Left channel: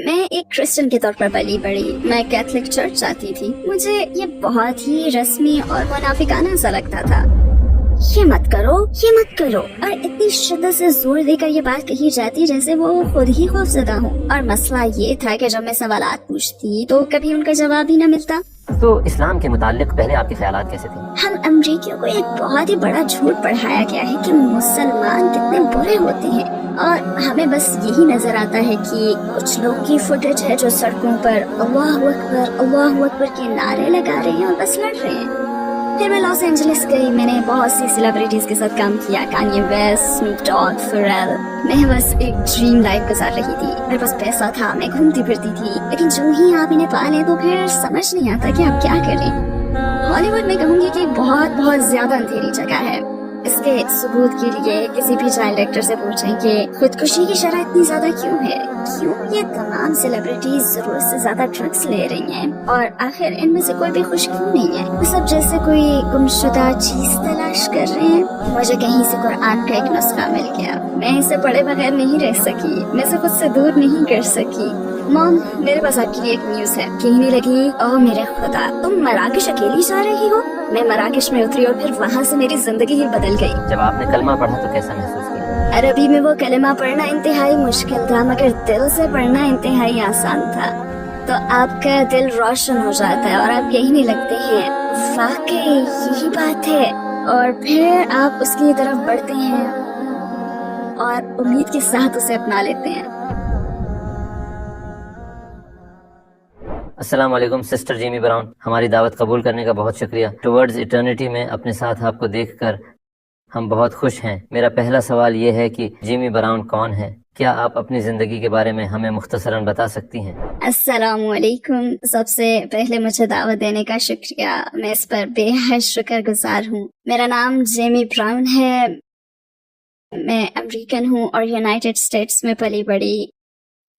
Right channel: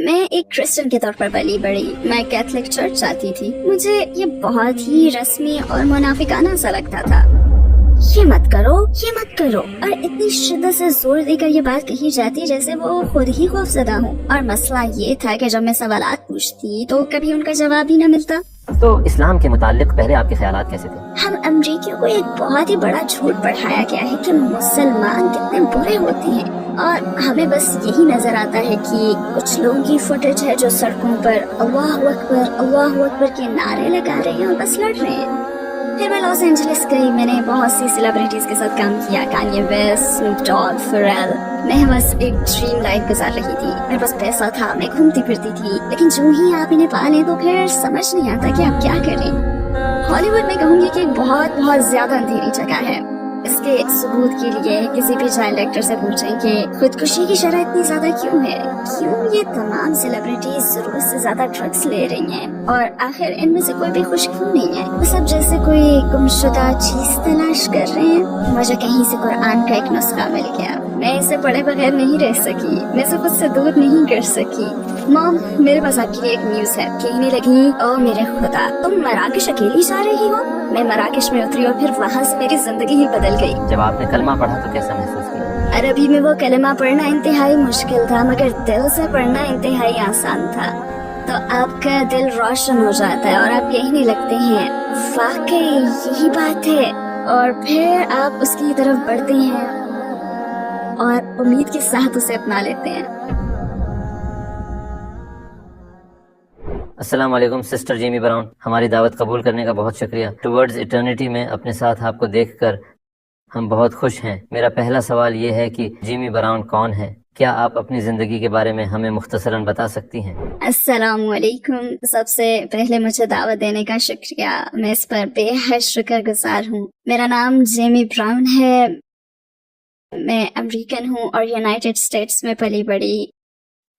میں ایک کرسچن کے طور پر پلی بڑی. میں کیتھولک چرچ جاتی تھی. مجھے یہ بہت ہی رسمی اور منافقانہ سا لگتا تھا. یہ مت کرو اور اتنی شدت سے زور دے کر یہ بات کہی جاتی جیسے وہ خود ہی خوفزدہ ہو. اور مسئلہ یہ تھا کہ جب میں سوالات پوچھتی تو کبھی ان کا جواب ہی نہ ملتا. تو اسلام کے متعلق پہلے آپ کے خیالات کیسے تھے؟ ہم امریکیوں کو ایک بہت ہی بڑا جھوٹ پڑھایا گیا ہے کہ مسلمان کتنے برے ہوتے ہیں، اور ہمیں بس یہی نظر آتا ہے کہ کچھ لوگوں کی فوٹیج ہے جو سڑکوں پر اللہ اکبر کے نعرے لگا رہے ہیں اور بس لڑ رہے ہیں. پھر میں لاس اینجلس گئی. میں نے بہت سی سیلیبریٹیز کے ساتھ کام کیا، کانیے ویسٹ، اسنوپ ڈاگ، فیرل. میں بس ایک ڈریم لائف گزار رہی تھی. میرے پاس پیسہ تھا، میں گھومتی پھرتی تھی. لیکن جو ہی آپ انہیں پا لیں تو پھر سمجھ نہیں آتا کہ آپ کیا کریں. ہالی ووڈ میں کہوں گی کہ بہت زیادہ اندھیری جگہ ہے. اس کے ثبوت کے لیے کسی بھی چائلڈ ایکٹر سے پوچھیں کہ خودکشی کی شرح اتنی زیادہ کیوں ہے، کیوں یہ تمام سیلیبریٹیز ضرورت سے زیادہ ڈرگس لے رہی ہیں، اور آخر ان میں سے کوئی بھی خوش کیوں نہیں ہے. وہ سب جیسے کوئی گمشدہ چیز تلاش کر رہے ہیں. مجھے کہیں سے قرآن کا ایک نسخہ مل گیا. میں اسے پڑھے بغیر نہیں رہ سکی. میں اسے خود سے دور نہیں کر سکی. مام، میرے پاس آپ کے لیے ایک نیوز ہے. کہنے لگی، او میرے خدا، تم مراکش اکیلی جا رہی ہو؟ میں مراکش میں اتری اور پھر وہاں سے میری زندگی ہی بدل گئی. جب آپ نے کلمہ پڑھا تو کیسا محسوس کیا؟ عربی میں وہ کلمہ پڑھنا انتہائی مشکل تھا، مگر دل سے پڑھنا انتہائی آسان تھا. تو آپ کا دل روشن ہو جاتا ہے اور آپ کہنے لگتے ہیں واقعی یہی بات ہے، اور پھر آپ اس کی طرف بڑھتے ہیں اور امید کے ساتھ اسے اپنا لیتے ہیں. السلام علیکم سسٹر جیمی براؤن، ہماری دعوت قبول کرنے کا بہت شکریہ. ٹوورڈز ایٹرنیٹی میں اپنے ساتھ آپ کو دیکھ کر ہم بہت خوش ہیں. میرا پہلا سوال یہ ہے کہ جیمی براؤن کون ہے؟ کیا آپ اپنی زندگی کے بارے میں ہمیں مختصراً بتا سکتی ہیں؟ السلام علیکم. سب سے پہلے مجھے دعوت دینے کا شکریہ. میں اس پر بے حد شکر گزار ہوں. میرا نام جیمی براؤن ہے. میں امریکن ہوں اور یونائٹڈ اسٹیٹس میں پلی بڑی.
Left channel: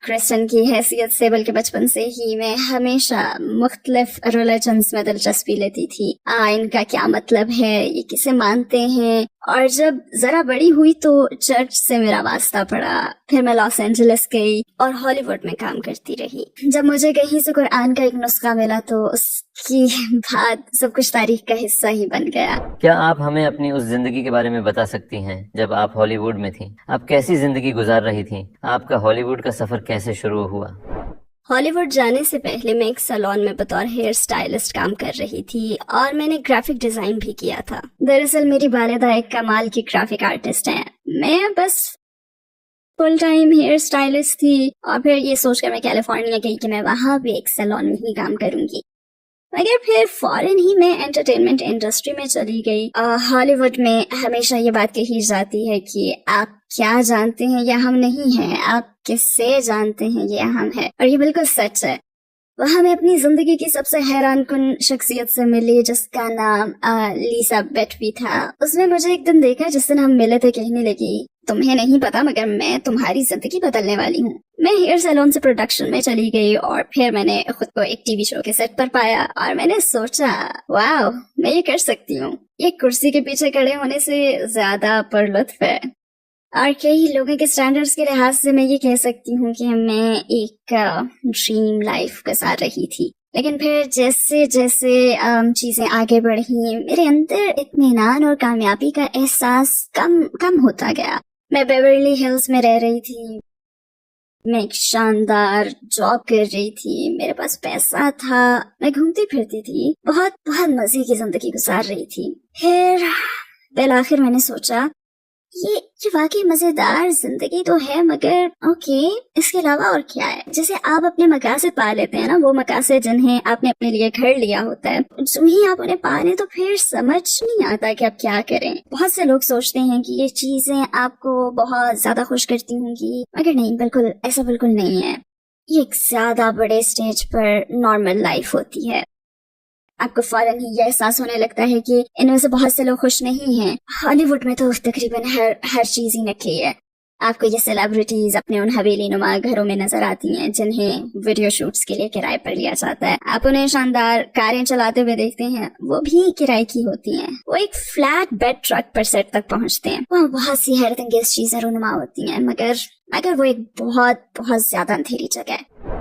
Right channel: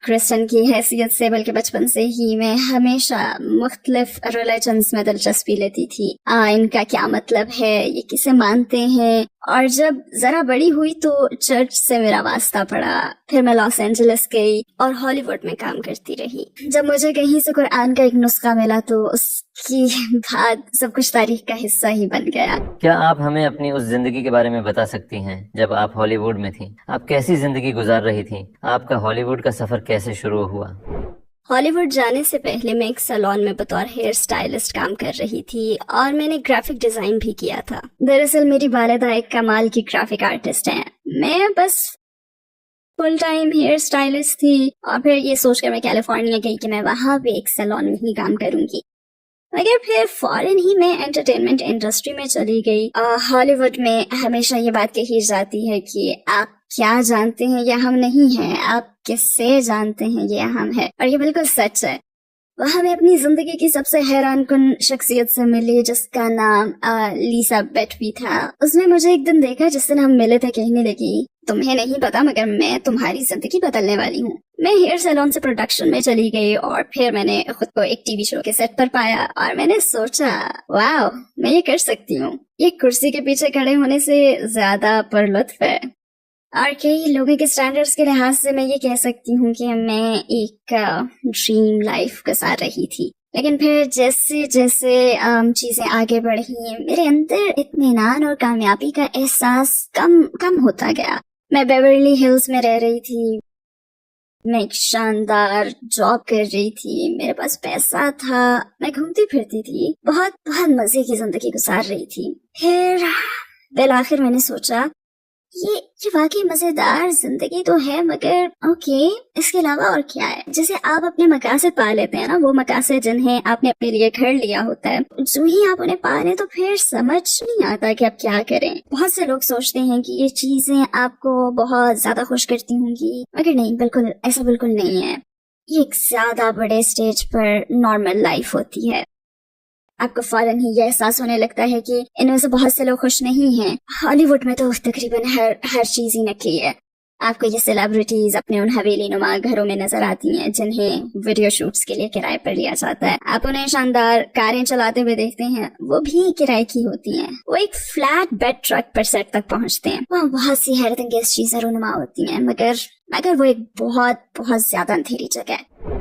کرسچن کی حیثیت سے بلکہ بچپن سے ہی میں ہمیشہ مختلف ریلیجنز میں دلچسپی لیتی تھی. ان کا کیا مطلب ہے، یہ کسے مانتے ہیں. اور جب ذرا بڑی ہوئی تو چرچ سے میرا واسطہ پڑا. پھر میں لاس اینجلس گئی اور ہالی ووڈ میں کام کرتی رہی. جب مجھے کہیں سے قرآن کا ایک نسخہ ملا تو اس کی بعد سب کچھ تاریخ کا حصہ ہی بن گیا. کیا آپ ہمیں اپنی اس زندگی کے بارے میں بتا سکتی ہیں جب آپ ہالی ووڈ میں تھیں؟ آپ کیسی زندگی گزار رہی تھیں؟ آپ کا ہالی ووڈ کا سفر کیسے شروع ہوا؟ ہالی ووڈ جانے سے پہلے میں ایک سیلون میں بطور ہیئر سٹائلسٹ کام کر رہی تھی اور میں نے گرافک ڈیزائن بھی کیا تھا. دراصل میری والدہ ایک کمال کی گرافک آرٹسٹ ہیں. میں بس فل ٹائم ہیئر سٹائلسٹ تھی، اور پھر یہ سوچ کر میں کیلیفورنیا گئی کہ میں وہاں بھی ایک سیلون میں ہی کام کروں گی. مگر پھر فوراً ہی میں انٹرٹینمنٹ انڈسٹری میں چلی گئی. ہالی ووڈ میں ہمیشہ یہ بات کہی جاتی ہے کہ آپ کیا جانتے ہیں یہ ہم نہیں ہیں، آپ کس سے جانتے ہیں یہ ہم ہے، اور یہ بالکل سچ ہے. وہاں میں اپنی زندگی کی سب سے حیران کن شخصیت سے ملی جس کا نام لیسا بیٹوی تھا. اس نے مجھے ایک دن دیکھا جس دن ہم ملے تھے. کہنے لگی، تمہیں نہیں پتا مگر میں تمہاری زندگی بدلنے والی ہوں. میں ہیئر سیلون سے پروڈکشن میں چلی گئی اور پھر میں نے خود کو ایک ٹی وی شو کے سیٹ پر پایا اور میں نے سوچا واو، میں یہ کر سکتی ہوں. یہ کرسی کے پیچھے کھڑے ہونے سے زیادہ پر لطف ہے. اور کئی لوگوں کے سٹینڈرڈز کے لحاظ سے میں یہ کہہ سکتی ہوں کہ میں ایک ڈریم لائف گزار رہی تھی. لیکن پھر جیسے جیسے چیزیں آگے بڑھی میرے اندر اطمینان اور کامیابی کا احساس کم ہوتا گیا. میں بیورلی ہلز میں رہ رہی تھی. میں ایک شاندار جاب کر رہی تھی. میرے پاس پیسہ تھا. میں گھومتی پھرتی تھی. بہت مزے کی زندگی گزار رہی تھی. پھر بالآخر میں نے سوچا یہ واقعی مزیدار زندگی تو ہے، مگر اوکے، اس کے علاوہ اور کیا ہے. جیسے آپ اپنے مقاصد پا لیتے ہیں نا، وہ مقاصد جنہیں آپ نے اپنے لیے گھر لیا ہوتا ہے، جو ہی آپ انہیں پا لیں تو پھر سمجھ نہیں آتا کہ آپ کیا کریں. بہت سے لوگ سوچتے ہیں کہ یہ چیزیں آپ کو بہت زیادہ خوش کرتی ہوں گی، مگر نہیں، ایسا بالکل نہیں ہے. یہ ایک زیادہ بڑے اسٹیج پر نارمل لائف ہوتی ہے. آپ کو فوراً ہی یہ احساس ہونے لگتا ہے کہ ان میں سے بہت سے لوگ خوش نہیں ہیں. ہالی ووڈ میں تو تقریباً ہر چیز ہی نکلی ہے. آپ کو یہ سیلیبریٹیز اپنے ان حویلی نما گھروں میں نظر آتی ہیں جنہیں ویڈیو شوٹس کے لیے کرائے پر لیا جاتا ہے. آپ انہیں شاندار کاریں چلاتے ہوئے دیکھتے ہیں، وہ بھی کرائے کی ہوتی ہیں. وہ ایک فلیٹ بیڈ ٹرک پر سیٹ تک پہنچتے ہیں. وہاں بہت سی حیرت انگیز چیزیں رونما ہوتی ہیں، مگر وہ ایک بہت زیادہ اندھیری جگہ ہے.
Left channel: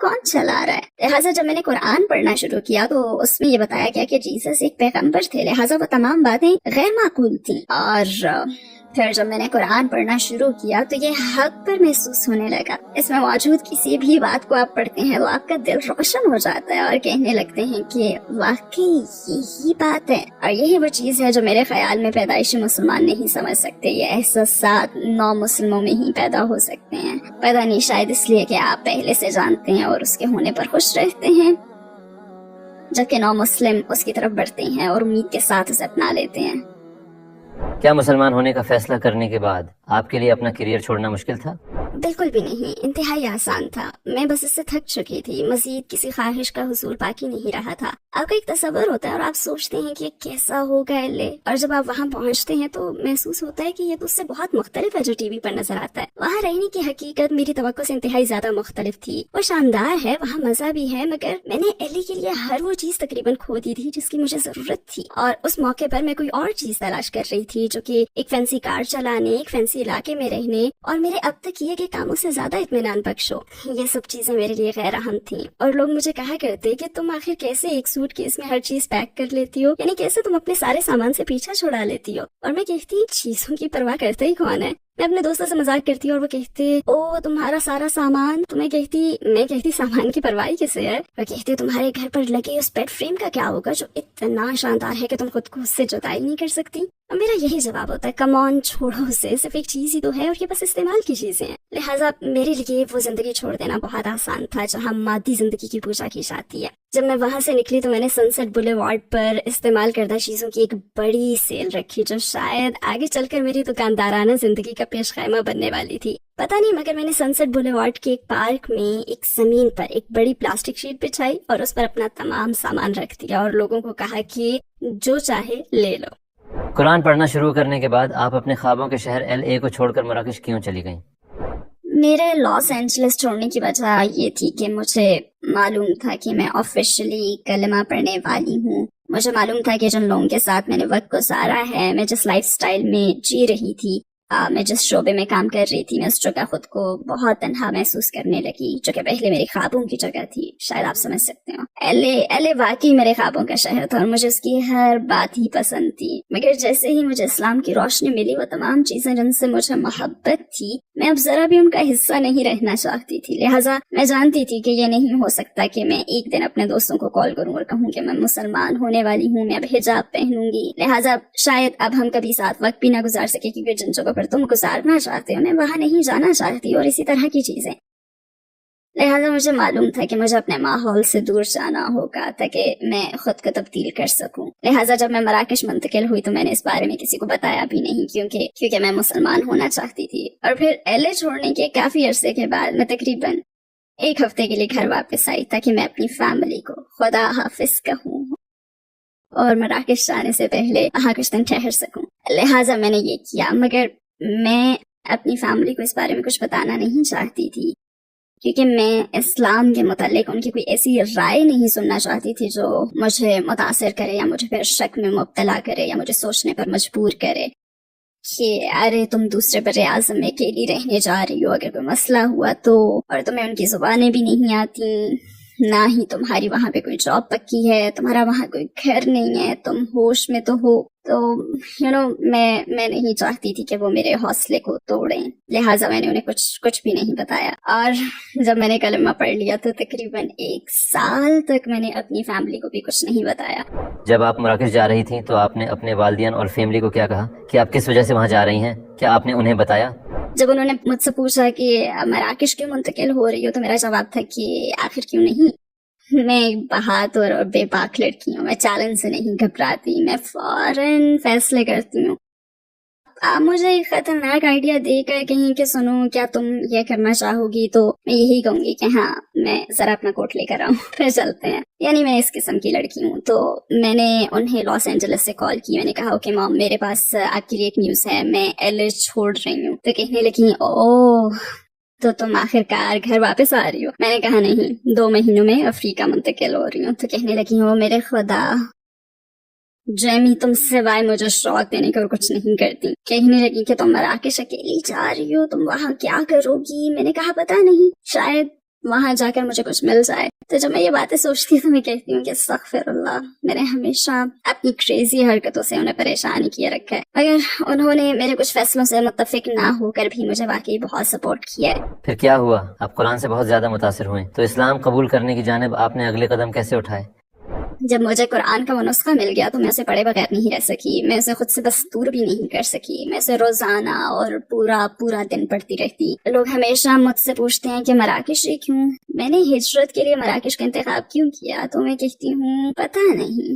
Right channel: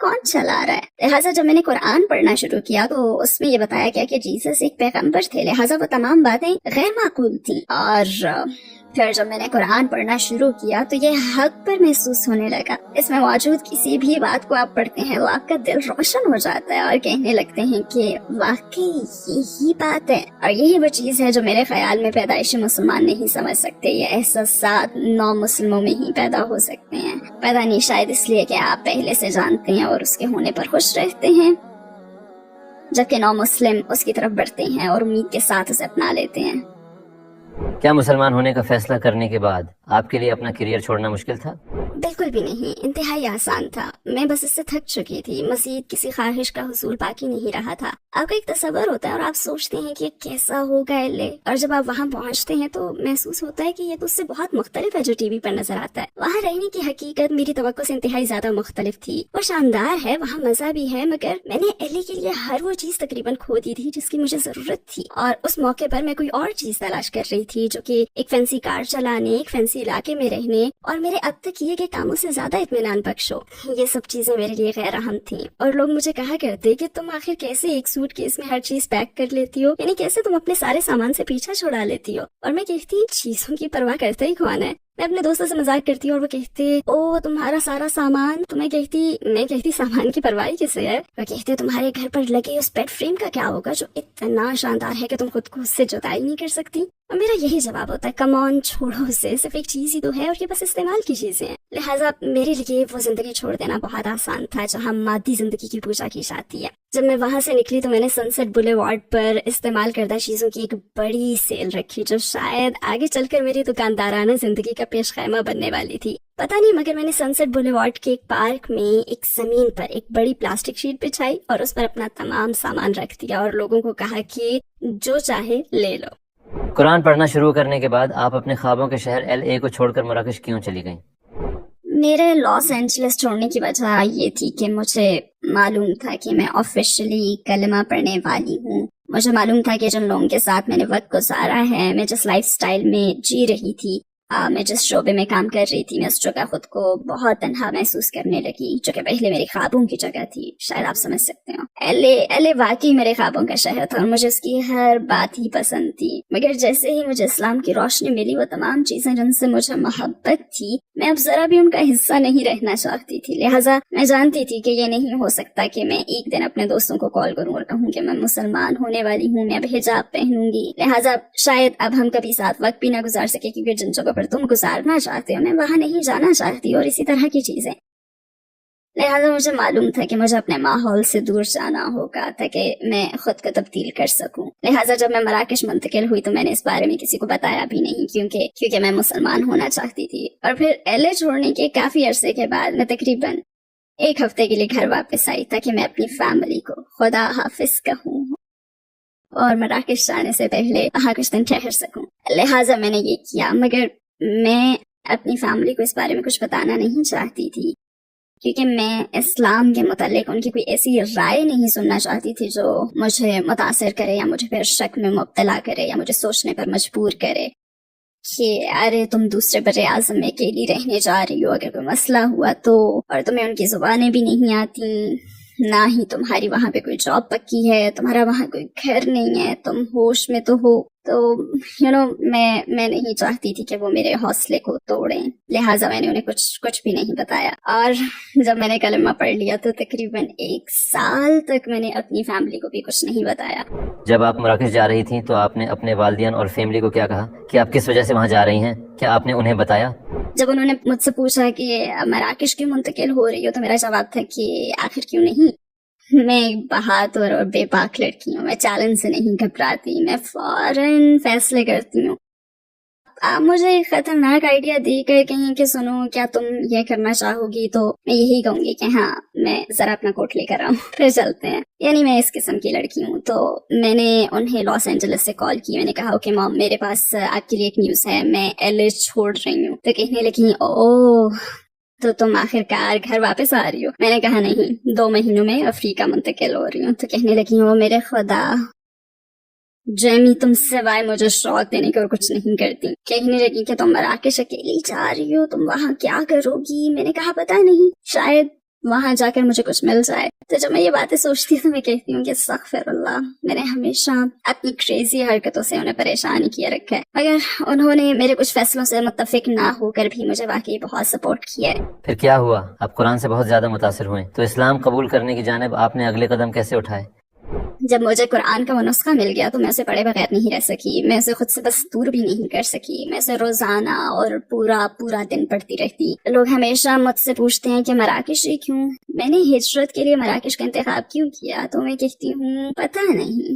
کون چلا رہا ہے؟ لہٰذا جب میں نے قرآن پڑھنا شروع کیا تو اس میں یہ بتایا گیا کہ جیسس ایک پیغمبر تھے، لہٰذا وہ تمام باتیں غیر معقول تھیں. اور پھر جب میں نے قرآن پڑھنا شروع کیا تو یہ حق پر محسوس ہونے لگا. اس میں موجود کسی بھی بات کو آپ پڑھتے ہیں وہ آپ کا دل روشن ہو جاتا ہے اور کہنے لگتے ہیں کہ واقعی یہی بات ہے. اور یہی وہ چیز ہے جو میرے خیال میں پیدائشی مسلمان نہیں سمجھ سکتے. یہ احساسات نو مسلموں میں ہی پیدا ہو سکتے ہیں. پتہ نہیں، شاید اس لیے کہ آپ پہلے سے جانتے ہیں اور اس کے ہونے پر خوش رہتے ہیں، جبکہ نو مسلم اس کی طرف بڑھتے ہیں اور امید کے ساتھ اسے اپنا لیتے ہیں. کیا مسلمان ہونے کا فیصلہ کرنے کے بعد آپ کے لیے اپنا کیریئر چھوڑنا مشکل تھا؟ بالکل بھی نہیں، انتہائی آسان تھا. میں بس اس سے تھک چکی تھی. مزید کسی خواہش کا حصول باقی نہیں رہا تھا. آپ کا ایک تصور ہوتا ہے اور آپ سوچتے ہیں کہ کیسا ہوگا ایلے، اور جب آپ وہاں پہنچتے ہیں تو محسوس ہوتا ہے کہ یہ تو اس سے بہت مختلف ہے جو ٹی وی پر نظر آتا ہے. وہاں رہنے کی حقیقت میری توقع سے انتہائی زیادہ مختلف تھی. وہ شاندار ہے، وہاں مزہ بھی ہے، مگر میں نے ایلے کے لیے ہر وہ چیز تقریباً کھو دی تھی جس کی مجھے ضرورت تھی. اور اس موقع پر میں کوئی اور چیز تلاش کر رہی تھی جو کہ ایک فینسی کار چلانے، ایک فینسی علاقے میں رہنے اور میرے اب تک کیے گئے کاموں سے زیادہ اطمینان بخش ہو. یہ سب چیزیں میرے لیے غیر اہم تھیں. اور لوگ مجھے کہا کرتے کہ تم آخر کیسے ایک سوٹ کیس میں ہر چیز پیک کر لیتی ہو، یعنی کیسے تم اپنے سارے سامان سے پیچھا چھڑا لیتی ہو. اور میں کہتی چیزوں کی پرواہ کرتا ہی کون ہے. میں اپنے دوستوں سے مذاق کرتی اور وہ کہتے او تمہارا سارا سامان. تو میں کہتی سامان کی پرواہ کسے ہے. وہ کہتے تمہارے گھر پر لگے اس بیڈ فریم کا کیا ہوگا جو اتنا شاندار ہے کہ تم خود کو اس سے جدائی نہیں کر سکتی. اور میرا یہی جواب ہوتا ہے کم آن چھوڑو اسے، صرف ایک چیز ہی تو ہے اور یہ بس استعمال کی چیزیں ہیں. لہٰذا میرے لیے وہ زندگی چھوڑ دینا بہت آسان تھا جہاں مادی زندگی کی پوجا کی جاتی ہے. جب میں وہاں سے نکلی تو میں نے سن سیٹ بولے وارڈ پر استعمال کردہ چیزوں کی ایک بڑی سیل رکھی جو شاید آگے چل کر میری دکاندارانہ زندگی کا پیش خیمہ بننے والی تھی. پتہ نہیں، مگر میں نے سن سیٹ بولے وارڈ کے ایک پارک میں ایک زمین پر ایک بڑی پلاسٹک شیٹ بچھائی اور اس پر اپنا تمام سامان رکھ دیا اور لوگوں کو کہا کہ جو چاہے لے لو. قرآن پڑھنا شروع کرنے کے بعد آپ اپنے خوابوں کے شہر ایل اے کو چھوڑ کر مراکش کیوں چلی گئیں؟ میرے لاس اینجلس چھوڑنے کی وجہ یہ تھی کہ مجھے معلوم تھا کہ میں آفیشلی کلمہ پڑھنے والی ہوں. مجھے معلوم تھا کہ جن لوگوں کے ساتھ میں نے وقت گزارا ہے، میں جس لائف سٹائل میں جی رہی تھی، میں جس شعبے میں کام کر رہی تھی، میں اس جگہ خود کو بہت تنہا محسوس کرنے لگی جو کہ پہلے میری خوابوں کی جگہ تھی. شاید آپ سمجھ سکتے ہو. ایل اے واقعی میرے خوابوں کا شہر تھا اور مجھے اس کی ہر بات ہی پسند تھی. مگر جیسے ہی مجھے اسلام کی روشنی ملی، وہ تمام چیزیں جن سے مجھے محبت تھی میں اب ذرا بھی ان کا حصہ نہیں رہنا چاہتی تھی. لہٰذا میں جانتی تھی کہ یہ نہیں ہو سکتا کہ میں ایک دن اپنے دوستوں کو کال کروں اور کہوں کہ میں مسلمان ہونے والی ہوں، میں اب حجاب پہنوں گی. لہٰذا شاید اب ہم کبھی ساتھ وقت بھی نہ گزار سکے کیونکہ جن جگہوں پر تم گزارنا چاہتے ہو میں وہاں نہیں جانا چاہتی اور اسی طرح کی چیزیں. لہٰذا مجھے معلوم تھا کہ مجھے اپنے ماحول سے دور جانا ہوگا تاکہ میں خود کو تبدیل کر سکوں. لہٰذا جب میں مراکش منتقل ہوئی تو میں نے اس بارے میں کسی کو بتایا بھی نہیں کیونکہ میں مسلمان ہونا چاہتی تھی. اور پھر ایل اے چھوڑنے کے کافی عرصے کے بعد میں تقریباً 1 ہفتے کے لیے گھر واپس آئی تاکہ میں اپنی فیملی کو خدا حافظ کہوں اور مراکش جانے سے پہلے وہاں کچھ دن ٹھہر سکوں. لہٰذا میں نے یہ کیا، مگر میں اپنی فیملی کو اس بارے میں کچھ بتانا نہیں چاہتی تھی کیونکہ میں اسلام کے متعلق ان کی کوئی ایسی رائے نہیں سننا چاہتی تھی جو مجھے متاثر کرے یا مجھے پھر شک میں مبتلا کرے یا مجھے سوچنے پر مجبور کرے کہ ارے تم دوسرے بر اعظم میں اکیلی رہنے جا رہی ہو، اگر کوئی مسئلہ ہوا تو، اور تمہیں ان کی زبانیں بھی نہیں آتی، نہ ہی تمہاری وہاں پہ کوئی جاب پکی ہے، تمہارا وہاں کوئی گھر نہیں ہے، تم ہوش میں تو ہو. تو میں نہیں چاہتی تھی کہ وہ میرے حوصلے کو توڑیں. لہٰذا میں نے انہیں کچھ بھی نہیں بتایا. اور جب میں نے کلمہ پڑھ لیا تو تقریباً 1 سال تک میں نے اپنی فیملی کو بھی کچھ نہیں بتایا. جب آپ مراکش جا رہی تھیں تو آپ نے اپنے والدین اور فیملی کو کیا کہا کہ آپ کس وجہ سے وہاں جا رہی ہیں؟ کیا آپ نے انہیں بتایا؟ جب انہوں نے مجھ سے پوچھا کہ مراکش کیوں منتقل ہو رہی ہو تو میرا جواب تھا کہ آخر کیوں نہیں. میں ایک بہادر اور بے باک لڑکی ہوں، میں چیلنج سے نہیں گھبراتی، میں فوراً فیصلے کرتی ہوں. آپ مجھے ایک خطرناک آئیڈیا دے کر کہیں کہ سنو کیا تم یہ کرنا چاہو گی تو میں یہی کہوں گی کہ ہاں میں ذرا اپنا کوٹ لے کر آؤں پھر چلتے ہیں. یعنی میں اس قسم کی لڑکی ہوں. تو میں نے انہیں لاس اینجلس سے کال کی. میں نے کہا کہ مام میرے پاس آپ کے لیے ایک نیوز ہے، میں ایل اے چھوڑ رہی ہوں. تو کہنے لگی اوہ تو تم آخر کار گھر واپس آ رہی ہو. میں نے کہا نہیں، 2 مہینوں میں افریقہ منتقل ہو رہی ہوں. تو کہنے لگی او میرے خدا جیمی تم سوائے مجھے شوق دینے کے اور کچھ نہیں کرتی. کہنے لگی کہ تم مراکش اکیلی جا رہی ہو، تم وہاں کیا کرو گی. میں نے کہا پتا نہیں، شاید وہاں جا کر مجھے کچھ مل جائے. تو جب میں یہ باتیں سوچتی ہوں تو میں کہتی ہوں کہ استغفر اللہ, میں نے ہمیشہ اپنی کریزی حرکتوں سے انہیں پریشان کیا رکھا ہے, مگر انہوں نے میرے کچھ فیصلوں سے متفق نہ ہو کر بھی مجھے واقعی بہت سپورٹ کیا ہے. پھر کیا ہوا؟ آپ قرآن سے بہت زیادہ متاثر ہوئے, تو اسلام قبول کرنے کی جانب آپ نے اگلے قدم کیسے اٹھائے؟ جب مجھے قرآن کا وہ نسخہ مل گیا تو میں اسے پڑھے بغیر نہیں رہ سکی, میں اسے خود سے بس دور بھی نہیں کر سکی. میں اسے روزانہ اور پورا دن پڑھتی رہتی. لوگ ہمیشہ مجھ سے پوچھتے ہیں کہ مراکش کیوں, میں نے ہجرت کے لیے مراکش کا انتخاب کیوں کیا, تو میں کہتی ہوں پتہ نہیں,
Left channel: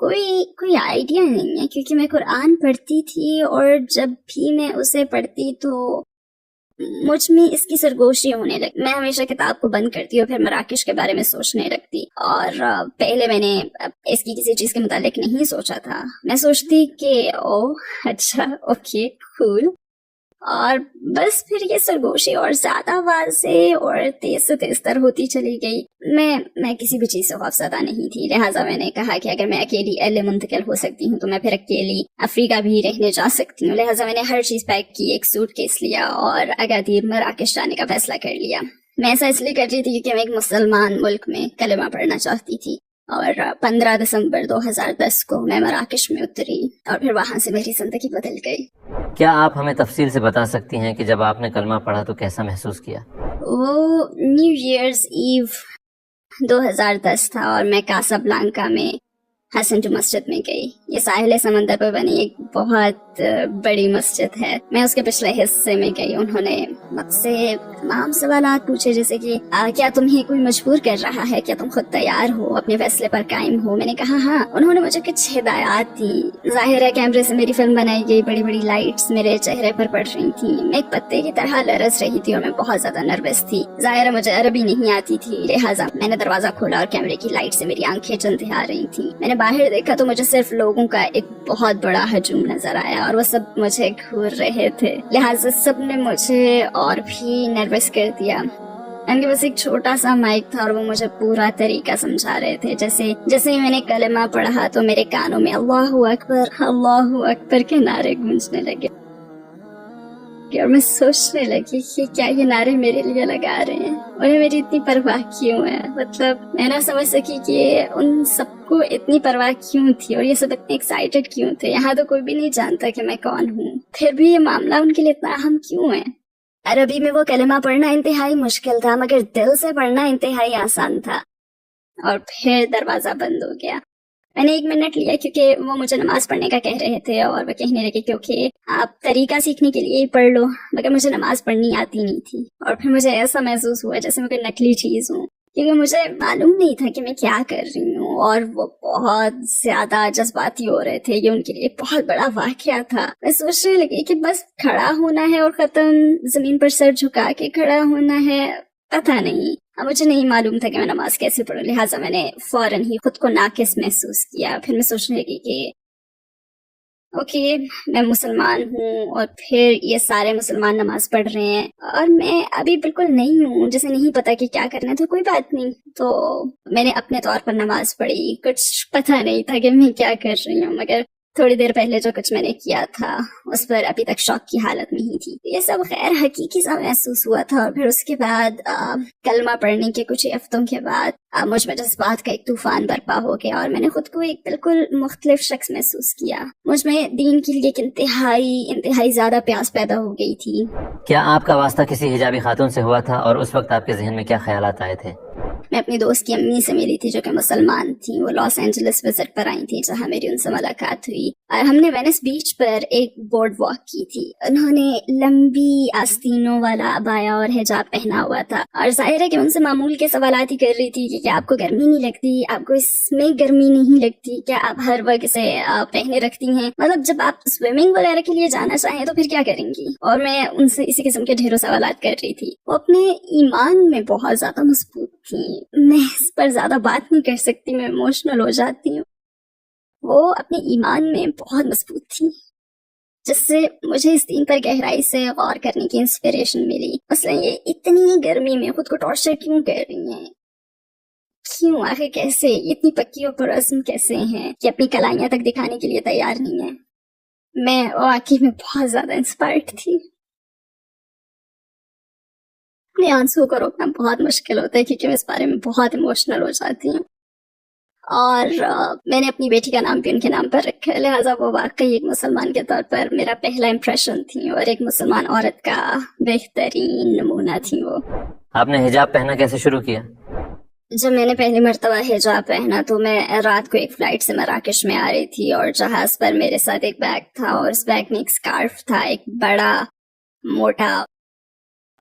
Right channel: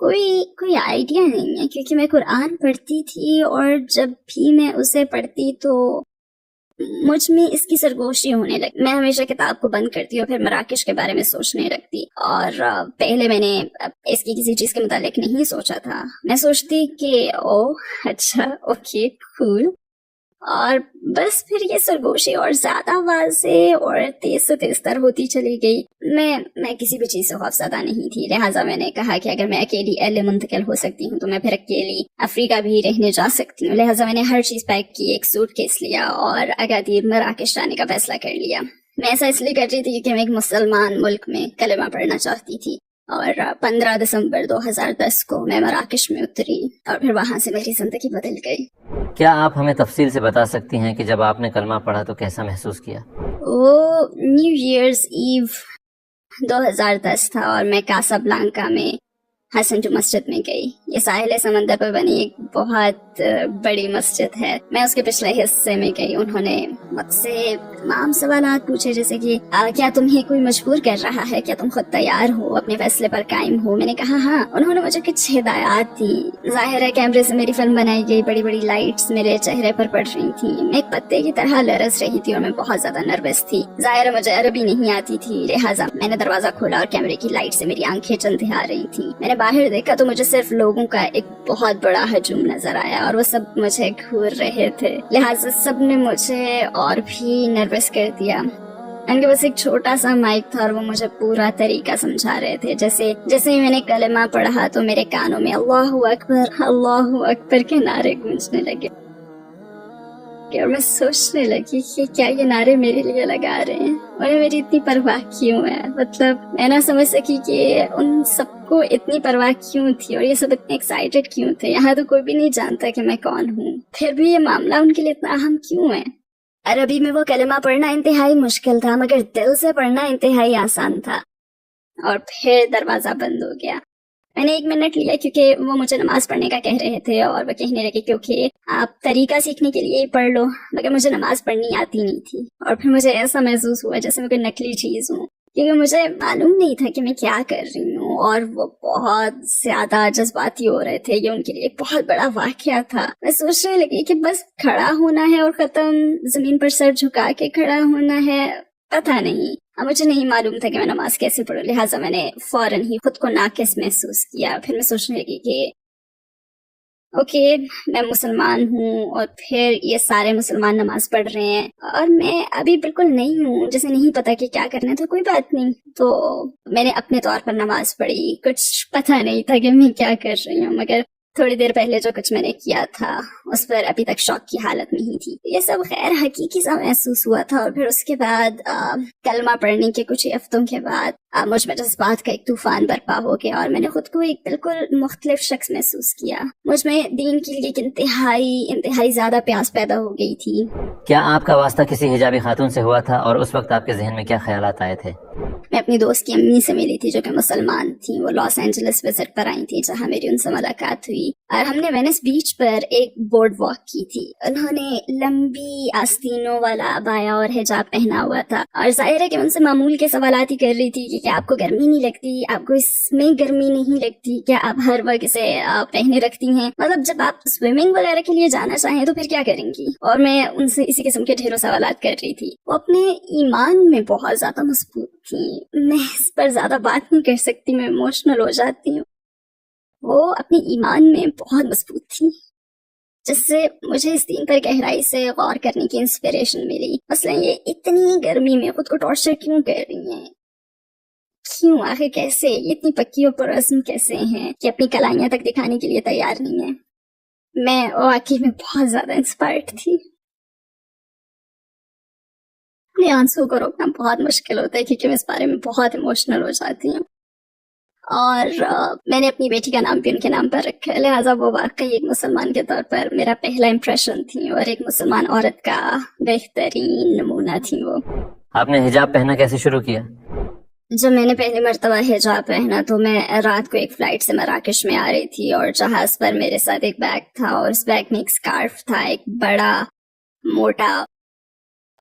کوئی آئیڈیا نہیں ہے, کیونکہ میں قرآن پڑھتی تھی اور جب بھی میں اسے پڑھتی تو مجھ میں اس کی سرگوشی ہونے لگی. میں ہمیشہ کتاب کو بند کرتی اور پھر مراکش کے بارے میں سوچنے لگتی, اور پہلے میں نے اس کی کسی چیز کے متعلق نہیں سوچا تھا. میں سوچتی کہ اچھا اوکے کول, اور بس پھر یہ سرگوشی اور زیادہ واضح اور تیز سے تیز تر ہوتی چلی گئی. میں کسی بھی چیز سے خوفزدہ نہیں تھی, لہٰذا میں نے کہا کہ اگر میں اکیلی اہل منتقل ہو سکتی ہوں تو میں پھر اکیلی افریقہ بھی رہنے جا سکتی ہوں. لہٰذا میں نے ہر چیز پیک کی, ایک سوٹ کیس لیا اور اگادیر مراکش جانے کا فیصلہ کر لیا. میں ایسا اس لیے کر رہی تھی کیونکہ میں ایک مسلمان ملک میں کلمہ پڑھنا چاہتی تھی, اور 15 دسمبر 2010 کو میں مراکش میں اتری اور پھر وہاں سے میری زندگی بدل گئی. کیا آپ ہمیں تفصیل سے بتا سکتی ہیں کہ جب آپ نے کلمہ پڑھا تو کیسا محسوس کیا؟ وہ نیو ایئرز ایو 2010 تھا اور میں کاسا بلانکا میں حسن جو مسجد میں گئی. یہ ساحل سمندر پہ بنی ایک بہت بڑی مسجد ہے. میں اس کے پچھلے حصے میں گئی. انہوں نے مجھ سے تمام سوالات پوچھے, جیسے کہ کیا تمہیں کوئی مجبور کر رہا ہے, کیا تم خود تیار ہو, اپنے فیصلے پر قائم ہو. میں نے کہا ہاں. انہوں نے مجھے کچھ ہدایات دی. ظاہر ہے کیمرے سے میری فلم بنائی گئی, بڑی بڑی لائٹس میرے چہرے پر پڑ رہی تھیں. میں ایک پتے کی طرح لرز رہی تھی اور میں بہت زیادہ نروس تھی. ظاہر ہے مجھے عربی نہیں آتی تھی, لہٰذا میں نے دروازہ کھولا اور کیمرے کی لائٹ سے میری آنکھیں جلتی آ رہی تھیں. میں نے باہر دیکھا تو مجھے صرف لوگوں کا ایک بہت بڑا ہجوم نظر آیا اور وہ سب مجھے گھور رہے تھے, لہٰذا سب نے مجھے اور بھی نروس کر دیا. ان کے پاس ایک چھوٹا سا مائک تھا اور وہ مجھے پورا طریقہ سمجھا رہے تھے. جیسے ہی میں نے کلمہ پڑھا تو میرے کانوں میں اللہ اکبر کے نعرے گونجنے لگے, اور میں سوچنے لگی کہ کیا یہ نعرے میرے لیے لگا رہے ہیں, انہیں میری اتنی پرواہ کیوں ہے. مطلب میں نہ سمجھ سکی کہ ان سب کو اتنی پرواہ کیوں تھی اور یہ سب اتنے ایکسائٹیڈ کیوں تھے. یہاں تو کوئی بھی نہیں جانتا کہ میں کون ہوں, پھر بھی یہ معاملہ ان کے لیے اتنا اہم کیوں ہے. عربی میں وہ کلمہ پڑھنا انتہائی مشکل تھا, مگر دل سے پڑھنا انتہائی آسان تھا. اور پھر دروازہ بند ہو گیا. میں نے 1 منٹ لیا کیونکہ وہ مجھے نماز پڑھنے کا کہہ رہے تھے, اور وہ کہنے لگے کیونکہ آپ طریقہ سیکھنے کے لیے ہی پڑھ لو, مگر مجھے نماز پڑھنی آتی نہیں تھی. اور پھر مجھے ایسا محسوس ہوا جیسے میں کوئی نقلی چیز ہوں, کیونکہ مجھے معلوم نہیں تھا کہ میں کیا کر رہی ہوں, اور وہ بہت زیادہ جذباتی ہو رہے تھے. یہ ان کے لیے ایک بہت بڑا واقعہ تھا. میں سوچنے لگی کہ بس کھڑا ہونا ہے اور ختم, زمین پر سر جھکا کے کھڑا ہونا ہے. پتہ نہیں, مجھے نہیں معلوم تھا کہ میں نماز کیسے پڑھوں, لہٰذا میں نے فوراً ہی خود کو ناقص محسوس کیا. پھر میں سوچنے لگی کہ اوکے میں مسلمان ہوں اور پھر یہ سارے مسلمان نماز پڑھ رہے ہیں اور میں ابھی بالکل نہیں ہوں, جیسے نہیں پتا کہ کیا کرنا ہے. تو کوئی بات نہیں, تو میں نے اپنے طور پر نماز پڑھی. کچھ پتہ نہیں تھا کہ میں کیا کر رہی ہوں, مگر تھوڑی دیر پہلے جو کچھ میں نے کیا تھا اس پر ابھی تک شوق کی حالت نہیں تھی. یہ سب غیر حقیقی سا محسوس ہوا تھا. اور پھر اس کے بعد کلمہ پڑھنے کے کچھ ہی ہفتوں کے بعد مجھ میں جذبات کا ایک طوفان برپا ہو گیا اور میں نے خود کو ایک بالکل مختلف شخص محسوس کیا. مجھ میں دین کے لیے ایک انتہائی زیادہ پیاس پیدا ہو گئی تھی. کیا آپ کا واسطہ کسی حجابی خاتون سے ہوا تھا, اور اس وقت آپ کے ذہن میں کیا خیالات آئے تھے؟ میں اپنی دوست کی امی سے ملی تھی جو کہ مسلمان تھی. وہ لاس اینجلس وزٹ پر آئی تھی جہاں میری ان سے ملاقات ہوئی, اور ہم نے وینس بیچ پر ایک بورڈ واک کی تھی. انہوں نے لمبی آستینوں والا عبایا اور حجاب پہنا ہوا تھا, اور ظاہر ہے کہ ان سے معمول کے سوالات ہی کر رہی تھی کہ کیا آپ کو گرمی نہیں لگتی, آپ کو اس میں گرمی نہیں لگتی, کیا آپ ہر وقت اسے پہنے رکھتی ہیں, مطلب جب آپ سوئمنگ وغیرہ کے لیے جانا چاہیں تو پھر کیا کریں گی. اور میں ان سے اسی قسم کے ڈھیروں سوالات کر رہی تھی. وہ اپنے ایمان میں بہت زیادہ مضبوط تھی. میں اس پر زیادہ بات نہیں کر سکتی, میں ایموشنل ہو جاتی ہوں. وہ اپنے ایمان میں بہت مضبوط تھی, جس سے مجھے اس دین پر گہرائی سے غور کرنے کی انسپریشن ملی. مثلا یہ اتنی گرمی میں خود کو ٹارچر کیوں کر رہی ہیں, کیوں, آخر کیسے, یہ اتنی پکی اور پرعزم کیسے ہیں کہ اپنی کلائیاں تک دکھانے کے لیے تیار نہیں ہیں. میں واقعی میں بہت زیادہ انسپائرڈ تھی. اپنے آنسو کو روکنا بہت مشکل ہوتا ہے کیونکہ میں اس بارے میں بہت ایموشنل ہو جاتی ہوں، اور میں نے اپنی بیٹی کا نام بھی ان کے نام پر رکھا ہے، لہٰذا وہ واقعی ایک مسلمان کے طور پر میرا پہلا امپریشن تھی اور ایک مسلمان عورت کا بہترین نمونہ تھی وہ۔ آپ نے حجاب پہننا کیسے شروع کیا؟ جب میں نے پہلی مرتبہ حجاب پہنا تو میں رات کو ایک فلائٹ سے مراکش میں آ رہی تھی، اور جہاز پر میرے ساتھ ایک بیگ تھا، اور اس بیگ میں ایک اسکارف تھا، ایک بڑا موٹا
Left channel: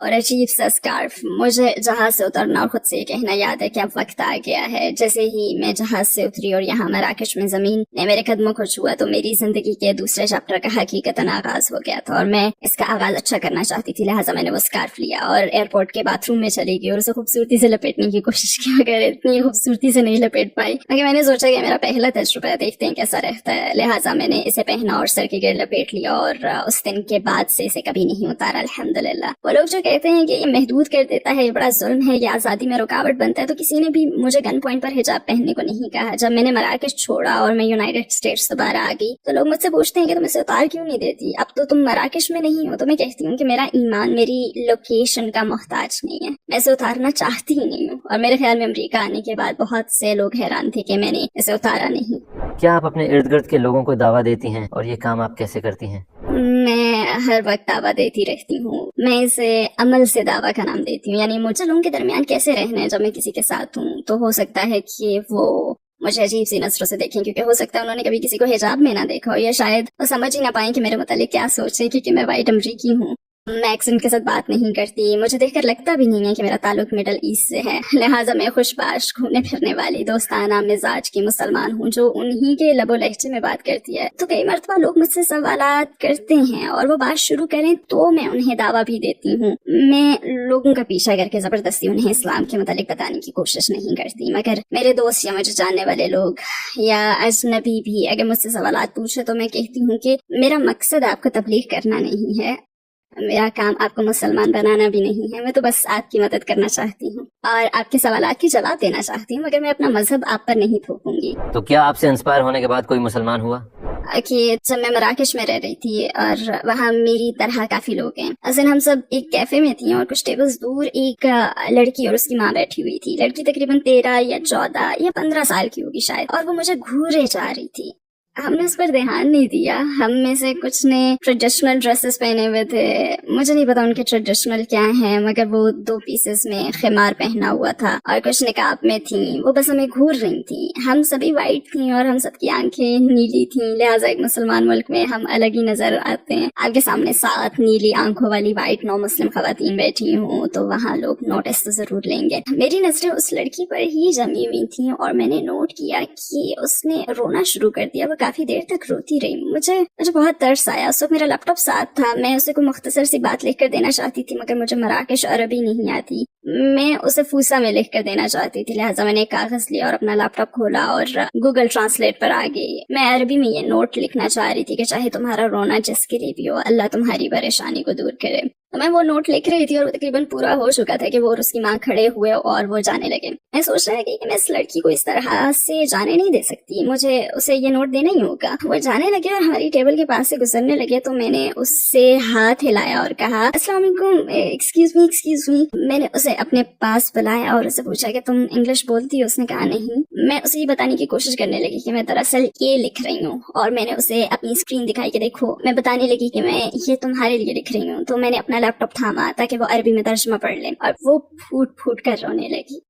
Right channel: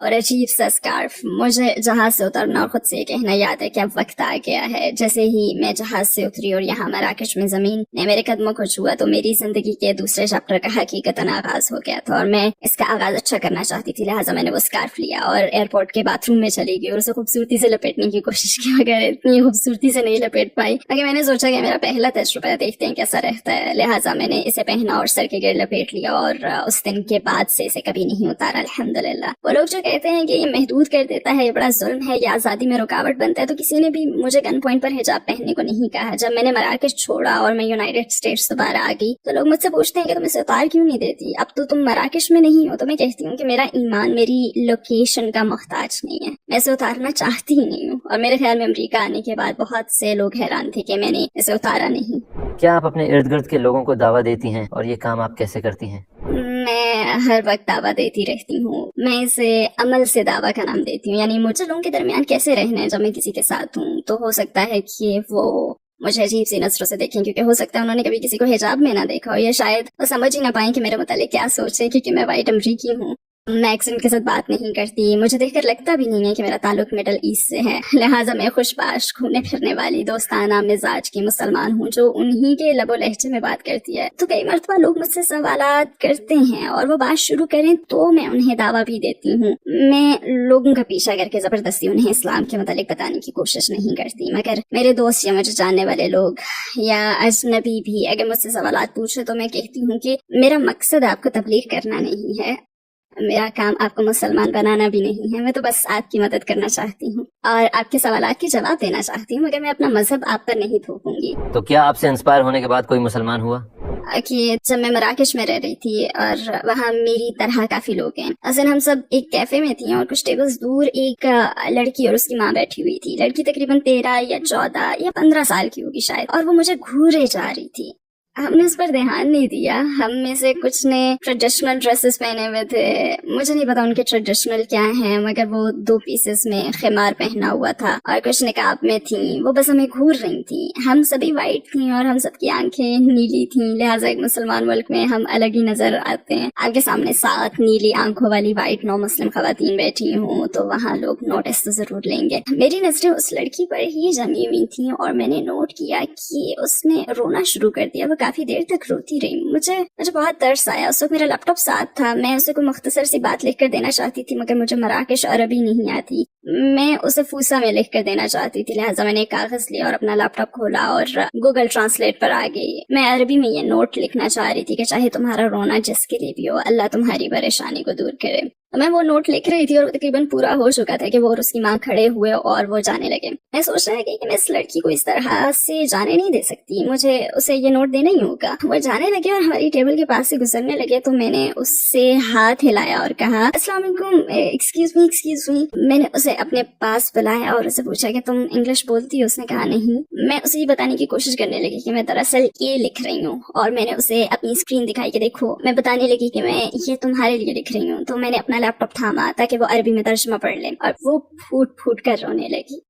اور عجیب سا اسکارف۔ مجھے جہاز سے اترنا اور خود سے یہ کہنا یاد ہے کہ اب وقت آ گیا ہے۔ جیسے ہی میں جہاز سے اتری اور یہاں مراکش میں زمین نے میرے قدموں کو چھوا تو میری زندگی کے دوسرے چیپٹر کا حقیقتاً آغاز ہو گیا تھا، اور میں اس کا آغاز اچھا کرنا چاہتی تھی، لہٰذا میں نے وہ اسکارف لیا اور ایئرپورٹ کے باتھ روم میں چلی گئی اور اسے خوبصورتی سے لپیٹنے کی کوشش کی، مگر اتنی خوبصورتی سے نہیں لپیٹ پائی، مگر میں نے سوچا کہ میرا پہلا تجربہ ہے، دیکھتے ہیں کیسا رہتا ہے، لہٰذا میں نے اسے پہنا اور سر کے گرد لپیٹ لیا، اور اس دن کے بعد سے اسے کبھی نہیں اتارا الحمدللہ۔ وہ لوگ جو کہتے ہیں کہ یہ محدود کر دیتا ہے، یہ بڑا ظلم ہے، یہ آزادی میں رکاوٹ بنتا ہے، تو کسی نے بھی مجھے گن پوائنٹ پر حجاب پہننے کو نہیں کہا۔ جب میں نے مراکش چھوڑا اور میں یونائیٹڈ اسٹیٹس دوبارہ آ گئی تو لوگ مجھ سے پوچھتے ہیں کہ تم اسے اتار کیوں نہیں دیتی، اب تو تم مراکش میں نہیں ہو، تو میں کہتی ہوں کہ میرا ایمان میری لوکیشن کا محتاج نہیں ہے، میں اسے اتارنا چاہتی ہی نہیں ہوں، اور میرے خیال میں امریکہ آنے کے بعد بہت سے لوگ حیران تھے کہ میں نے اسے اتارا نہیں۔ کیا آپ اپنے ارد گرد کے لوگوں کو دعویٰ دیتی ہیں، اور یہ کام آپ کیسے کرتی ہیں؟ میں ہر وقت دعویٰ دیتی رہتی ہوں، میں اسے عمل سے دعویٰ کا نام دیتی ہوں، یعنی مجھے لوگوں کے درمیان کیسے رہنا ہے جب میں کسی کے ساتھ ہوں، تو ہو سکتا ہے کہ وہ مجھے عجیب سی نظروں سے دیکھیں، کیونکہ ہو سکتا ہے انہوں نے کبھی کسی کو حجاب میں نہ دیکھا ہو، یا شاید وہ سمجھ ہی نہ پائیں کہ میرے متعلق کیا سوچیں، کیونکہ میں وائٹ امریکی ہوں، میں ایکسنٹ کے ساتھ بات نہیں کرتی، مجھے دیکھ کر لگتا بھی نہیں ہے کہ میرا تعلق مڈل ایسٹ سے ہے، لہٰذا میں خوش باش گھومنے پھرنے والی دوستانہ مزاج کی مسلمان ہوں جو انہی کے لب و لہجے میں بات کرتی ہے۔ تو کئی مرتبہ لوگ مجھ سے سوالات کرتے ہیں اور وہ بات شروع کریں تو میں انہیں دعویٰ بھی دیتی ہوں، میں لوگوں کا پیچھا کر کے زبردستی انہیں اسلام کے متعلق بتانے کی کوشش نہیں کرتی، مگر میرے دوست یا مجھے جاننے والے لوگ یا اجنبی بھی اگر مجھ سے سوالات پوچھے تو میں کہتی ہوں کہ میرا مقصد آپ کو تبلیغ کرنا نہیں ہے، میرا کام آپ کو مسلمان بنانا بھی نہیں ہے، میں تو بس آپ کی مدد کرنا چاہتی ہوں اور آپ کے سوالات کے جواب دینا چاہتی ہوں، مگر میں اپنا مذہب آپ پر نہیں تھوپوں گی۔ تو کیا آپ سے انسپائر ہونے کے بعد کوئی مسلمان ہوا؟ کہ جب میں مراکش میں رہ رہی تھی اور وہاں میری طرح کافی لوگ ہیں، اصل ہم سب ایک کیفے میں تھیں اور کچھ ٹیبلز دور ایک لڑکی اور اس کی ماں بیٹھی ہوئی تھی، لڑکی تقریباً 13 یا 14 یا 15 سال کی ہوگی شاید، اور وہ مجھے گھورے جا رہی تھی۔ ہم نے اس پر دھیان نہیں دیا، ہم میں سے کچھ نے ٹریڈیشنل ڈریسز پہنے ہوئے تھے، مجھے نہیں پتا ان کے ٹریڈیشنل کیا ہیں، مگر وہ 2 پیسز میں خمار پہنا ہوا تھا اور کچھ نقاب میں تھیں، وہ بس ہمیں گھور رہی تھیں، ہم سبھی وائٹ تھیں اور ہم سب کی آنکھیں نیلی تھیں، لہٰذا ایک مسلمان ملک میں ہم الگ ہی نظر آتے ہیں۔ آپ کے سامنے 7 نیلی آنکھوں والی وائٹ نو مسلم خواتین بیٹھی ہوں تو وہاں لوگ نوٹس تو ضرور لیں گے۔ میری نظریں اس لڑکی پر ہی جمی ہوئی تھیں اور میں نے نوٹ کیا کہ اس نے رونا شروع کر دیا، وہ کافی دیر تک روتی رہی۔ مجھے بہت ترس آیا، اس وقت میرا لیپ ٹاپ ساتھ تھا، میں اسے کوئی مختصر سی بات لکھ کر دینا چاہتی تھی مگر مجھے مراکش عربی نہیں آتی، میں اسے فوسا میں لکھ کر دینا چاہتی تھی، لہٰذا میں نے ایک کاغذ لیا اور اپنا لیپ ٹاپ کھولا اور گوگل ٹرانسلیٹ پر آ گئی۔ میں عربی میں یہ نوٹ لکھنا چاہ رہی تھی کہ چاہے تمہارا رونا جس کے لیے بھی ہو، اللہ تمہاری پریشانی کو دور کرے۔ میں وہ نوٹ لکھ رہی تھی اور تقریباً پورا ہو چکا تھا کہ وہ اور اس کی ماں کھڑے ہوئے اور وہ جانے لگے۔ میں سوچ رہا کہ میں اس لڑکی کو اس طرح سے جانے نہیں دے سکتی، مجھے اسے یہ نوٹ دینا ہی ہوگا۔ وہ جانے لگے اور ہماری ٹیبل کے پاس سے گزرنے لگے تو میں نے اس سے ہاتھ ہلایا اور کہا السلام علیکم، ایکسکیوز می۔ میں نے اسے اپنے پاس بلایا اور اسے پوچھا کہ تم انگلش بولتی ہو؟ اس نے کہا نہیں۔ میں اسے یہ بتانے کی کوشش کرنے لگی کہ میں دراصل یہ لکھ رہی ہوں اور میں نے اسے اپنی اسکرین دکھائی کہ دیکھو، میں بتانے لگی کہ میں یہ تمہارے لیے لکھ رہی ہوں، تو میں نے اپنا لیپ ٹاپ تھاما تاکہ وہ عربی میں ترجمہ پڑھ لیں اور وہ پھوٹ پھوٹ کر رونے لگی۔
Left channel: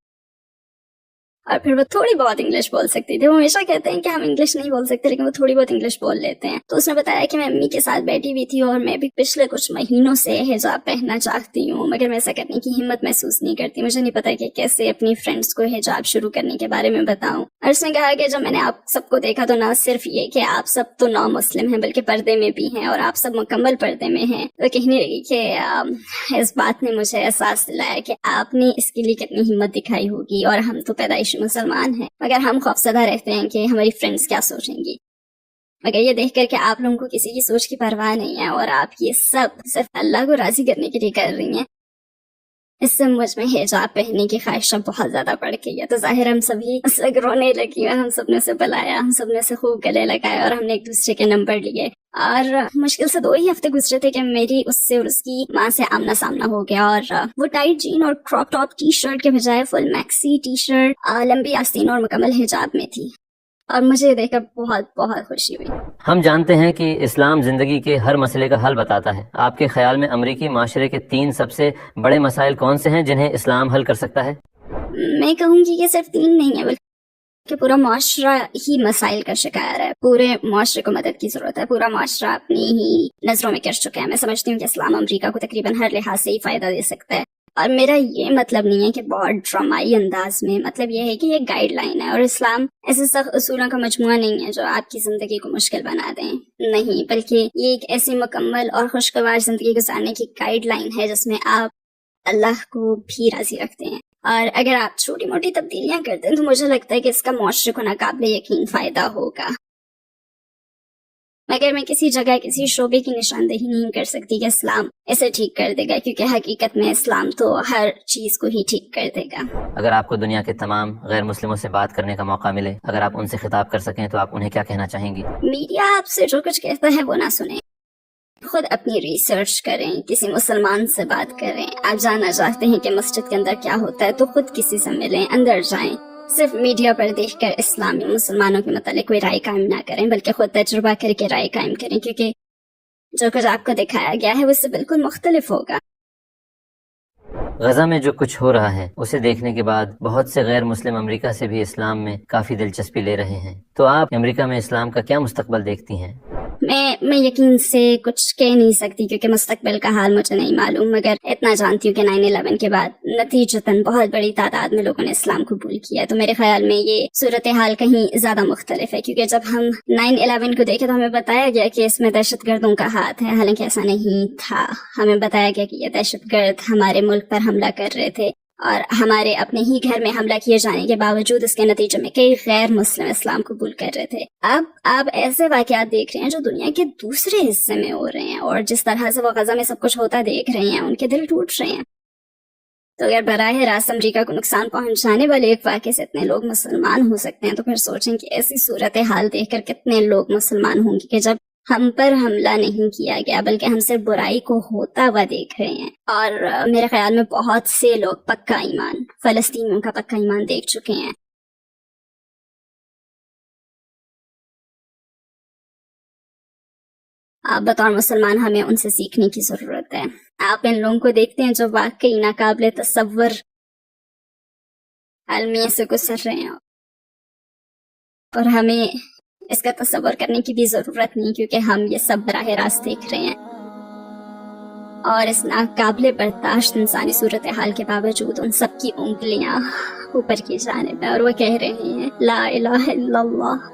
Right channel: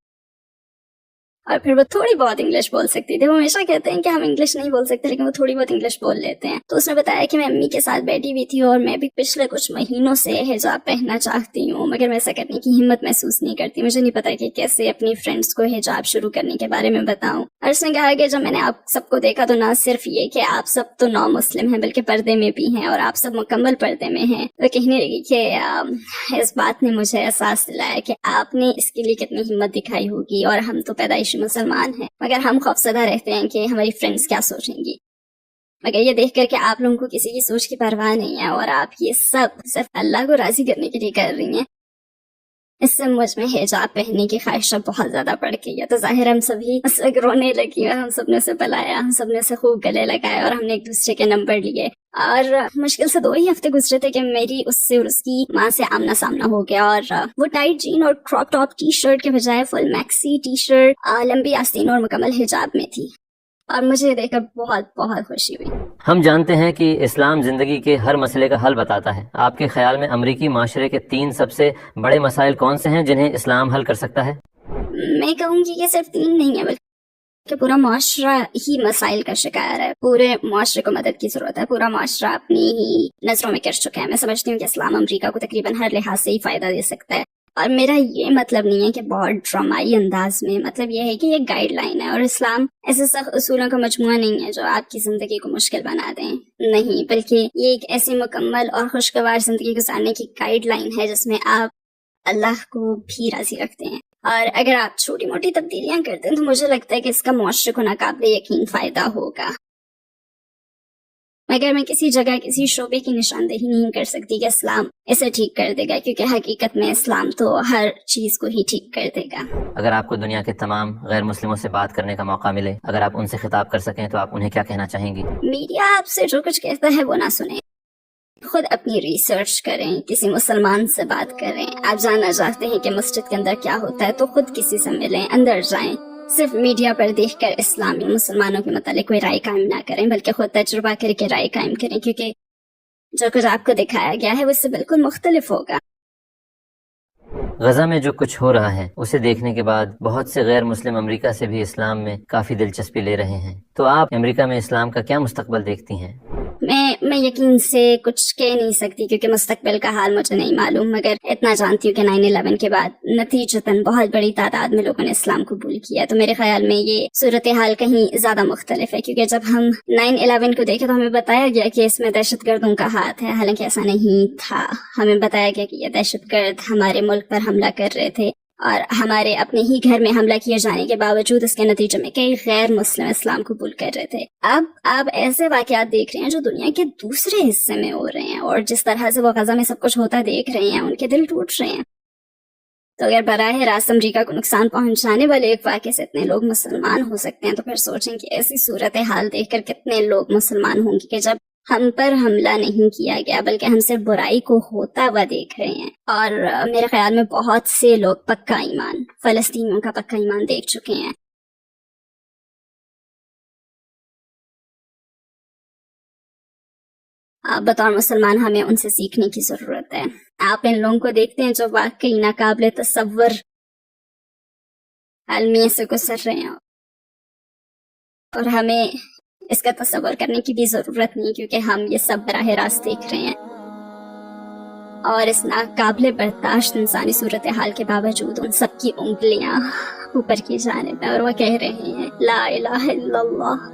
اور پھر وہ تھوڑی بہت انگلش بول سکتی تھی، وہ ہمیشہ کہتے ہیں کہ ہم انگلش نہیں بول سکتے لیکن وہ تھوڑی بہت انگلش بول لیتے ہیں۔ تو اس نے بتایا کہ میں امی کے ساتھ بیٹھی ہوئی تھی اور میں بھی پچھلے کچھ مہینوں سے حجاب پہننا چاہتی ہوں مگر میں ایسا کرنے کی ہمت محسوس نہیں کرتی، مجھے نہیں پتا کہ کیسے اپنی فرینڈس کو حجاب شروع کرنے کے بارے میں بتاؤں۔ اور اس نے کہا کہ جب میں نے آپ سب کو دیکھا تو نہ صرف یہ کہ آپ سب تو نو مسلم ہیں بلکہ پردے میں بھی ہیں اور آپ سب مکمل پردے میں ہیں، تو کہنے لگی کہ اس بات نے مجھے احساس دلایا کہ آپ نے اس کے لیے کتنی ہمت دکھائی ہوگی، اور ہم تو پیدائشی مسلمان ہیں مگر ہم خوفزدہ رہتے ہیں کہ ہماری فرینڈز کیا سوچیں گی، مگر یہ دیکھ کر کہ آپ لوگوں کو کسی کی سوچ کی پرواہ نہیں ہے اور آپ یہ سب صرف اللہ کو راضی کرنے کے لیے کر رہی ہیں، اس سے مجھ میں حجاب پہننے کی خواہشہ بہت زیادہ بڑھ گئی ہے۔ تو ظاہر ہم سبھی اس وقت رونے لگی اور ہم سب نے اسے بلایا، ہم سب نے اسے خوب گلے لگائے اور ہم نے ایک دوسرے کے نمبر لیے اور مشکل سے 2 ہی ہفتے گزرے تھے کہ میری اس سے اور اس کی ماں سے آمنا سامنا ہو گیا، اور وہ ٹائٹ جین اور کراپ ٹاپ ٹی شرٹ کے بجائے فل میکسی ٹی شرٹ، لمبی آستین اور مکمل حجاب میں تھی، اور مجھے دیکھ کر بہت بہت خوشی ہوئی۔ ہم جانتے ہیں کہ اسلام زندگی کے ہر مسئلے کا حل بتاتا ہے۔ آپ کے خیال میں امریکی معاشرے کے 3 سب سے بڑے مسائل کون سے ہیں جنہیں اسلام حل کر سکتا ہے؟ میں کہوں گی کہ صرف 3 نہیں ہے بلکہ پورا معاشرہ ہی مسائل کا شکار ہے۔ پورے معاشرے کو مدد کی ضرورت ہے۔ پورا معاشرہ اپنی ہی نظروں میں گر چکا ہے۔ میں سمجھتی ہوں کہ اسلام امریکہ کو تقریباً ہر لحاظ سے ہی فائدہ دے سکتا ہے، اور میرا یہ مطلب نہیں ہے کہ بہت ڈرامائی انداز میں، مطلب یہ ہے کہ یہ گائیڈ لائن ہے، اور اسلام ایسے سخت اصولوں کا مجموعہ نہیں ہے جو آپ کی زندگی کو مشکل بنا دیں، نہیں، بلکہ یہ ایک ایسی مکمل اور خوشگوار زندگی گزارنے کی گائیڈ لائن ہے جس میں آپ اللہ کو بھی راضی رکھتے ہیں، اور اگر آپ چھوٹی موٹی تبدیلیاں کرتے ہیں تو مجھے لگتا ہے کہ اس کا معاشرے کو ناقابل یقین فائدہ ہوگا، مگر میں کسی جگہ کسی شعبے کی نشاندہی نہیں کر سکتی کہ اسلام اسے ٹھیک کر دے گا، کیونکہ حقیقت میں اسلام تو ہر چیز کو ہی ٹھیک کر دے گا۔ اگر آپ کو دنیا کے تمام غیر مسلموں سے بات کرنے کا موقع ملے، اگر آپ ان سے خطاب کر سکیں تو آپ انہیں کیا کہنا چاہیں گی؟ میڈیا آپ سے جو کچھ کہتا ہے وہ نہ سنیں، خود اپنی ریسرچ کریں، کسی مسلمان سے بات کریں۔ آپ جاننا چاہتے ہیں کہ مسجد کے اندر کیا ہوتا ہے تو خود کسی سے ملیں، اندر جائیں۔ صرف میڈیا پر دیکھ کر اسلامی مسلمانوں کے متعلق کوئی رائے قائم نہ کریں، بلکہ خود تجربہ کر کے رائے قائم کریں، کیونکہ جو کچھ آپ کو دکھایا گیا ہے وہ اس سے بالکل مختلف ہوگا۔ غزہ میں جو کچھ ہو رہا ہے اسے دیکھنے کے بعد بہت سے غیر مسلم امریکہ سے بھی اسلام میں کافی دلچسپی لے رہے ہیں، تو آپ امریکہ میں اسلام کا کیا مستقبل دیکھتی ہیں؟ میں یقین سے کچھ کہہ نہیں سکتی کیونکہ مستقبل کا حال مجھے نہیں معلوم، مگر اتنا جانتی ہوں کہ 9/11 کے بعد نتیجتاً بہت بڑی تعداد میں لوگوں نے اسلام قبول کیا، تو میرے خیال میں یہ صورتحال کہیں زیادہ مختلف ہے، کیونکہ جب ہم 9/11 کو دیکھے تو ہمیں بتایا گیا کہ اس میں دہشت گردوں کا ہاتھ ہے، حالانکہ ایسا نہیں تھا۔ ہمیں بتایا گیا کہ یہ دہشت گرد ہمارے ملک پر حملہ کر رہے تھے، اور ہمارے اپنے ہی گھر میں حملہ کیے جانے کے باوجود اس کے نتیجے میں کئی غیر مسلم اسلام قبول کر رہے تھے۔ اب آپ ایسے واقعات دیکھ رہے ہیں جو دنیا کے دوسرے حصے میں ہو رہے ہیں، اور جس طرح سے وہ غزہ میں سب کچھ ہوتا دیکھ رہے ہیں ان کے دل ٹوٹ رہے ہیں۔ تو اگر براہ راست امریکہ کو نقصان پہنچانے والے ایک واقعے سے اتنے لوگ مسلمان ہو سکتے ہیں، تو پھر سوچیں کہ ایسی صورتحال دیکھ کر کتنے لوگ مسلمان ہوں گے کہ جب ہم پر حملہ نہیں کیا گیا بلکہ ہم صرف برائی کو ہوتا ہوا دیکھ رہے ہیں۔ اور میرے خیال میں بہت سے لوگ پکا ایمان، فلسطینیوں کا پکا ایمان دیکھ چکے ہیں۔ آپ بطور مسلمان ہمیں ان سے سیکھنے کی ضرورت ہے۔ آپ ان لوگوں کو دیکھتے ہیں جو واقعی ناقابل تصور المیہ سے گزر رہے ہیں، اور ہمیں اس کا تصور کرنے کی بھی ضرورت نہیں، کیونکہ ہم یہ سب براہ راست دیکھ رہے ہیں، اور اس ناقابل برداشت انسانی صورتحال کے باوجود ان سب کی انگلیاں اوپر کی جانب ہیں، اور وہ کہہ رہے ہیں لا الہ الا اللہ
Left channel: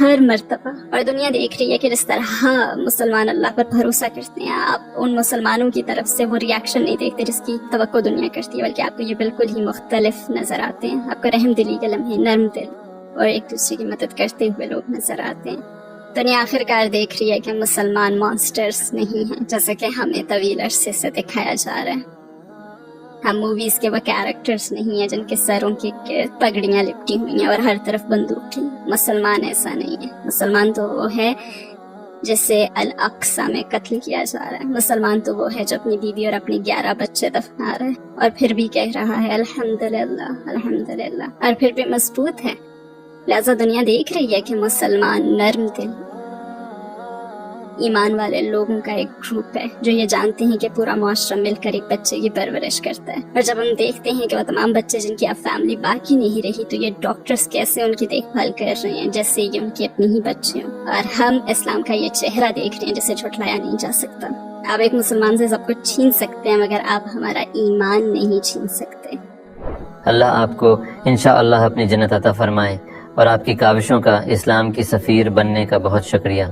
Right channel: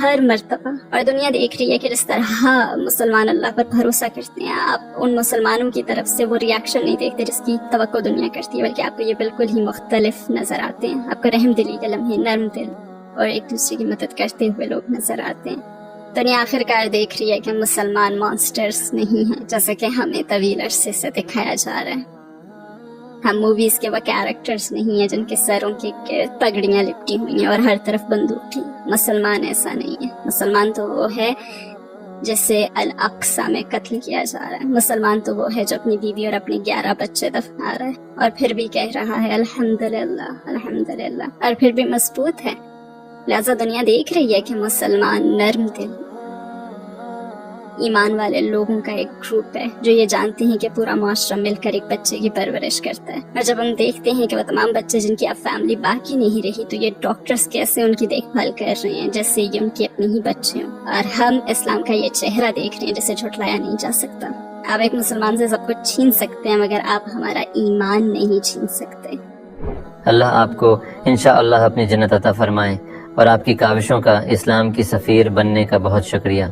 ہر مرتبہ۔ اور دنیا دیکھ رہی ہے کہ جس طرح مسلمان اللہ پر بھروسہ کرتے ہیں، آپ ان مسلمانوں کی طرف سے وہ ریاکشن نہیں دیکھتے جس کی توقع دنیا کرتی ہے، بلکہ آپ کو یہ بالکل ہی مختلف نظر آتے ہیں۔ آپ کو رحم دلی کے لمحے، نرم دل اور ایک دوسرے کی مدد کرتے ہوئے لوگ نظر آتے ہیں۔ دنیا آخر کار دیکھ رہی ہے کہ مسلمان مانسٹرز نہیں ہیں جیسے کہ ہمیں طویل عرصے سے دکھایا جا رہا ہے۔ ہم موویز کے وہ کیریکٹرز نہیں ہیں جن کے سروں کے گرد پگڑیاں لپٹی ہوئی ہیں اور ہر طرف بندوق ہیں۔ مسلمان ایسا نہیں ہے۔ مسلمان تو وہ ہے جسے الاقصی میں قتل کیا جا رہا ہے۔ مسلمان تو وہ ہے جو اپنی بیوی اور اپنے 11 بچے دفنا رہا ہے اور پھر بھی کہہ رہا ہے الحمدللہ الحمدللہ، اور پھر بھی مضبوط ہے۔ لہذا دنیا دیکھ رہی ہے کہ مسلمان نرم دل ایمان والے لوگوں کا ایک گروپ ہے جو یہ جانتے ہیں کہ پورا معاشرہ مل کر ایک بچے کی پرورش کرتا ہے، اور جب ہم دیکھتے ہیں کہ وہ تمام بچے جن کی اب فیملی باقی نہیں رہی تو یہ ڈاکٹرز کیسے ان کی دیکھ بھال کر رہے ہیں جیسے یہ ان کی اپنی ہی بچے ہوں، اور ہم اسلام کا یہ چہرہ دیکھ رہے ہیں جسے جھٹلایا نہیں جا سکتا۔ آپ ایک مسلمان سے سب کچھ چھین سکتے ہیں مگر آپ ہمارا ایمان نہیں چھین سکتے۔ اللہ آپ کو انشاءاللہ اپنی جنت عطا فرمائے، اور آپ کی کاوشوں کا اسلام کی سفیر بننے کا بہت شکریہ۔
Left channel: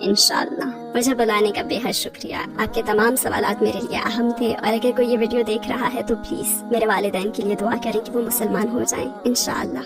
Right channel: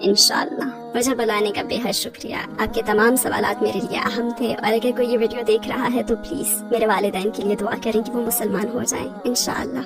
انشاءاللہ۔ مجھے بلانے کا بے حد شکریہ۔ آپ کے تمام سوالات میرے لیے اہم تھے، اور اگر کوئی یہ ویڈیو دیکھ رہا ہے تو پلیز میرے والدین کے لیے دعا کریں کہ وہ مسلمان ہو جائیں انشاءاللہ۔